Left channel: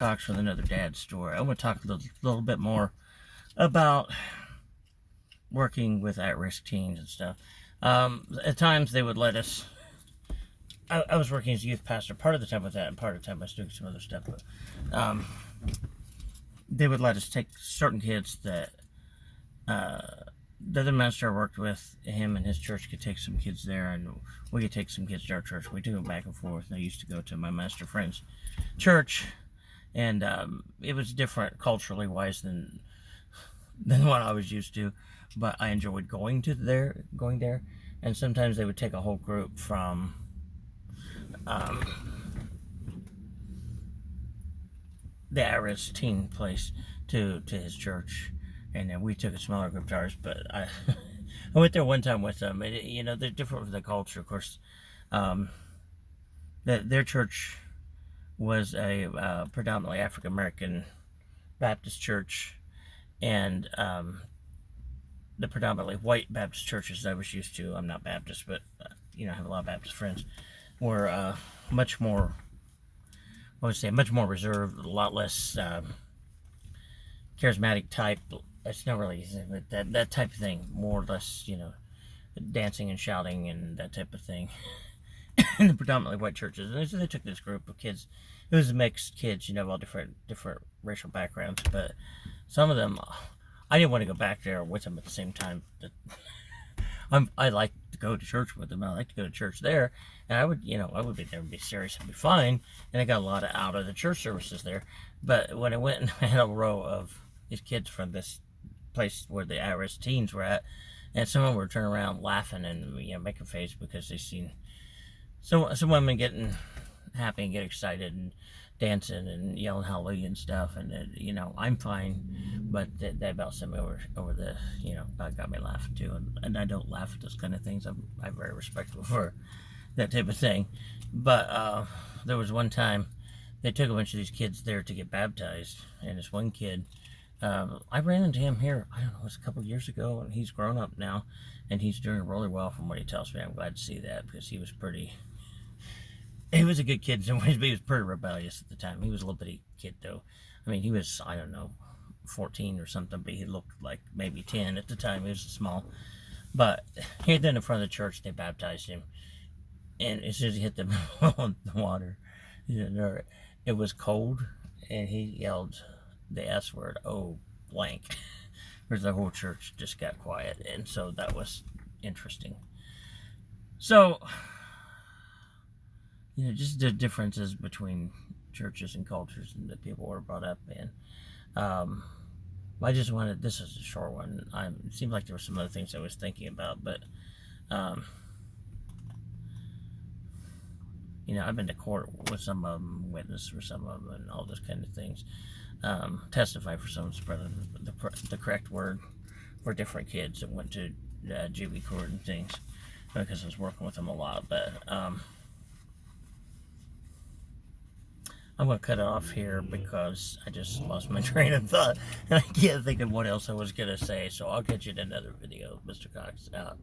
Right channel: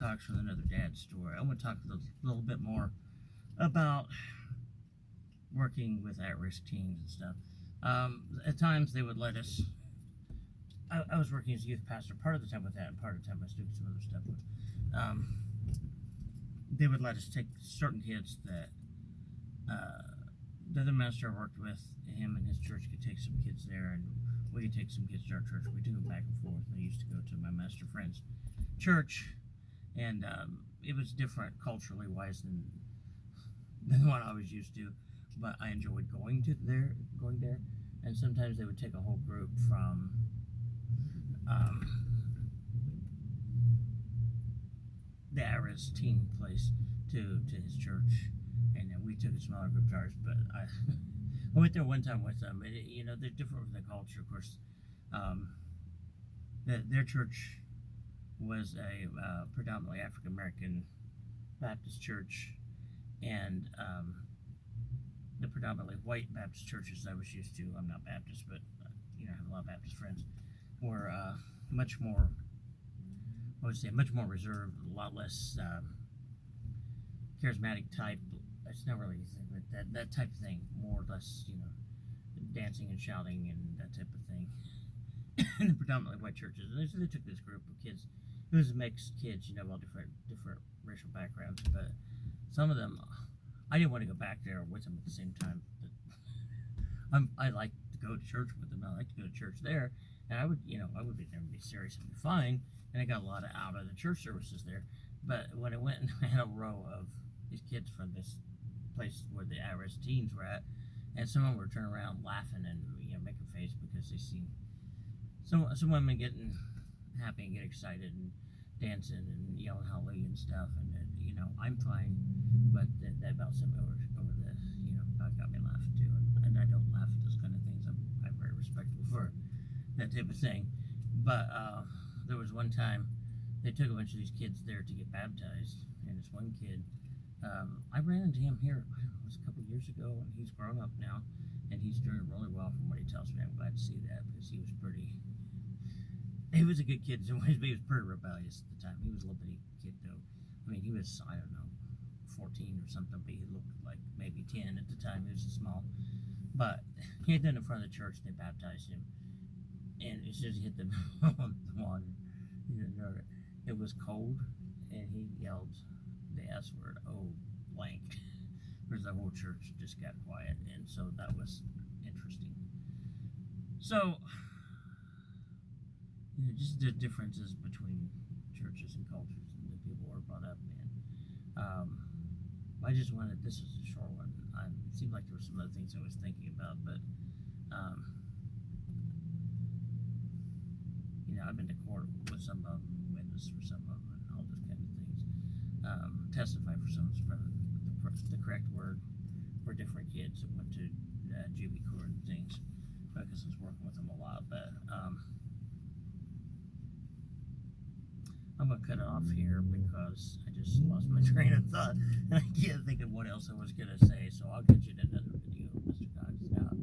Cox with another dad story. I want to talk a little bit more about working with at-risk teens and stuff. At times they would let us. I was working as a youth pastor part of the time with that, and part of the time I was doing some other stuff. But they would let us take certain kids that the other minister I worked with, him and his church could take some kids there, and we could take some kids to our church. We took them back and forth. And I used to go to my minister friend's church. And it was different culturally wise than what I was used to, but I enjoyed going there. And sometimes they would take a whole group from the at-risk teen place to his church, and then we took a smaller group to ours. But I went there one time with them, and they're different from the culture, of course. Their church was a predominantly African American Baptist church, and the predominantly white Baptist churches I was used to, I'm not Baptist, but I have a lot of Baptist friends, were much more, I would say, much more reserved, a lot less charismatic type. It's not really, but that type of thing, more or less, dancing and shouting and that type of thing. In the predominantly white churches, and so they took this group of kids. It was mixed kids, all different racial backgrounds. But some of them, I didn't want to go back there with them at the same time. I like to go to church with them. I like to go to church there, and I would be there and be serious and be fine. And I got a lot out of the church services there. But when I went and had a row of these kids from this place where the at-risk teens were at, and some of them were turning around laughing and making face because they seen some women getting happy and get excited and dancing and yelling hallelujah and stuff, and I'm fine, but that about sent me over the that got me laughing too, and I don't laugh at those kind of things. I'm very respectful for that type of thing. But there was one time they took a bunch of these kids there to get baptized, and this one kid, I ran into him here, I don't know, it was a couple years ago, and he's grown up now, and he's doing really well from what he tells me. I'm glad to see that, because he was a good kid in some ways, but he was pretty rebellious at the time. He was a little bitty kid, though. I mean, he was, I don't know, 14 or something, but he looked like maybe 10 at the time. He was small. But he had in front of the church, they baptized him, and as soon as he hit the water, it was cold, and he yelled the S word, "Oh, blank." Whereas the whole church just got quiet, and so that was interesting. So, just the differences between churches and cultures and that people were brought up in. I just wanted, this is a short one. It seemed like there were some other things I was thinking about, but, I've been to court with some of them, witness for some of them, and all those kind of things. Testify for some, spreading the correct word for different kids that went to juvie court and things, because I was working with them a lot. But I'm going to cut it off here because I just lost my train of thought, and I can't think of what else I was going to say, so I'll catch you in another video. Mr. Cox out.